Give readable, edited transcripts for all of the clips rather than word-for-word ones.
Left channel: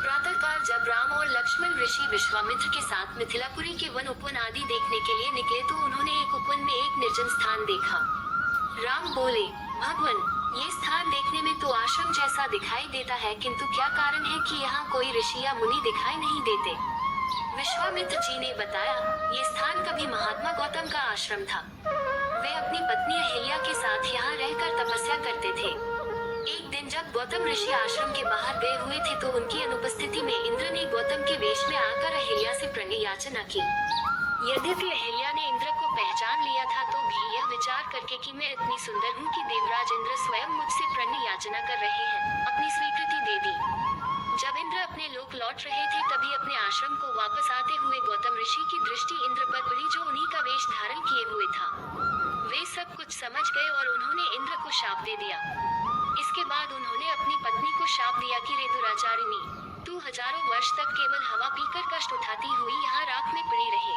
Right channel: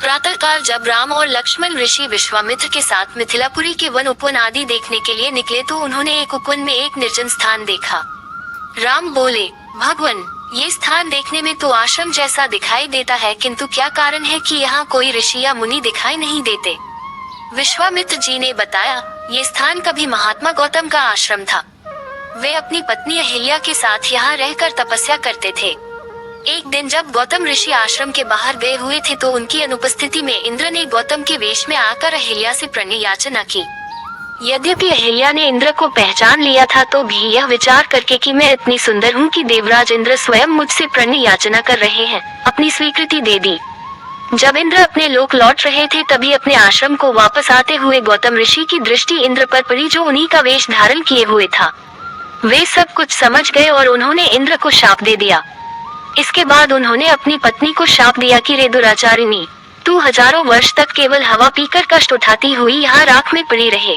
प्रातःकाल जब राम और लक्ष्मण ऋषि विश्वामित्र के साथ मिथिलापुरी के वन उपवन आदि देखने के लिए निकले तो उन्होंने एक उपवन में एक निर्जन स्थान देखा। राम बोले, भगवान, ये स्थान देखने में तो आश्रम जैसा दिखाई देता है, किंतु क्या कारण है कि यहाँ कोई ऋषि या मुनि दिखाई नहीं देते? विश्वामित्र जी ने बताया, ये स्थान कभी महात्मा गौतम का आश्रम था। वे अपनी पत्नी अहिल्या के साथ यहाँ रहकर तपस्या करते थे। एक दिन जब गौतम ऋषि आश्रम के बाहर गए हुए थे तो उनकी अनुपस्थिति में इंद्र ने गौतम के वेश में आकर अहिल्या से प्रणय याचना की। यद्यपि अहिल्या ने इंद्र को पहचान लिया था तो भी यह विचार करके कि मैं इतनी सुंदर हूँ कि देवराज इंद्र स्वयं मुझसे प्रणय याचना कर रहे हैं, अपनी स्वीकृति दे दी। जब इंद्र अपने लोक लौट रहे थे तभी अपने आश्रम को वापस आते हुए गौतम ऋषि की दृष्टि इंद्र पर पड़ी, जो उन्हीं का वेश धारण किए हुए था। वे सब कुछ समझ गए और उन्होंने इंद्र को शाप दे दिया। इसके बाद उन्होंने अपनी पत्नी को शाप दिया कि रे दुराचारिणी, तू हजारों वर्ष तक केवल हवा पीकर कष्ट उठाती हुई यहाँ राख में पड़ी रहे।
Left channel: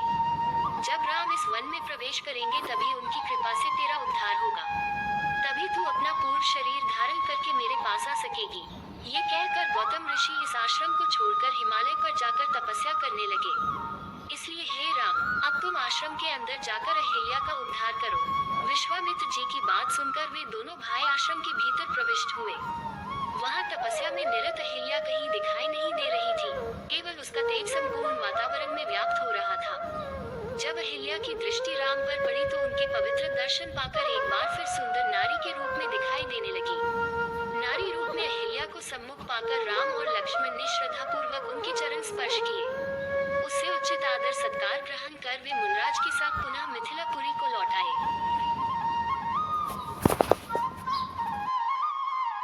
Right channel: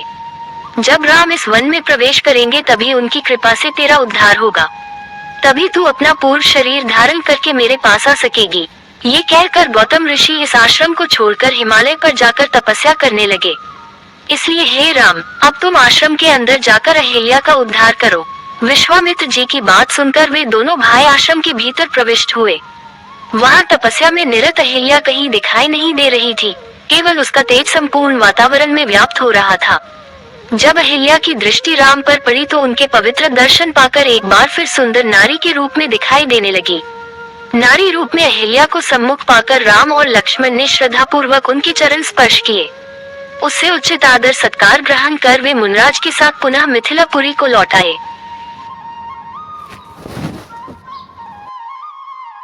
जब राम इस वन में प्रवेश करेंगे तभी उनकी कृपा से तेरा उद्धार होगा, तभी तू अपना पूर्व शरीर धारण करके मेरे पास आ सकेगी। ये कहकर गौतम ऋषि इस आश्रम को छोड़कर हिमालय पर जाकर तपस्या करने लगे। इसलिए हे राम, अब तुम आश्रम के अंदर जाकर अहिल्या का उद्धार करो। विश्वामित्र जी की बात सुनकर वे दोनों भाई आश्रम के भीतर प्रविष्ट हुए। वहाँ तपस्या में निरत अहिल्या कहीं दिखाई नहीं दे रही थी, केवल उसका तेज संपूर्ण वातावरण में व्याप्त हो रहा था। जब अहिल्या की दृष्टि राम पर पड़ी तो उनके पवित्र दर्शन पाकर एक बार फिर सुंदर नारी के रूप में दिखाई देने लगी। नारी रूप में अहिल्या को सम्मुख पाकर राम और लक्ष्मण ने श्रद्धा पूर्वक उनके चरण स्पर्श किए। उससे उचित आदर सत्कार ग्रहण कर वे मुनराज के साथ पुनः मिथिलापुरी को लौट आए।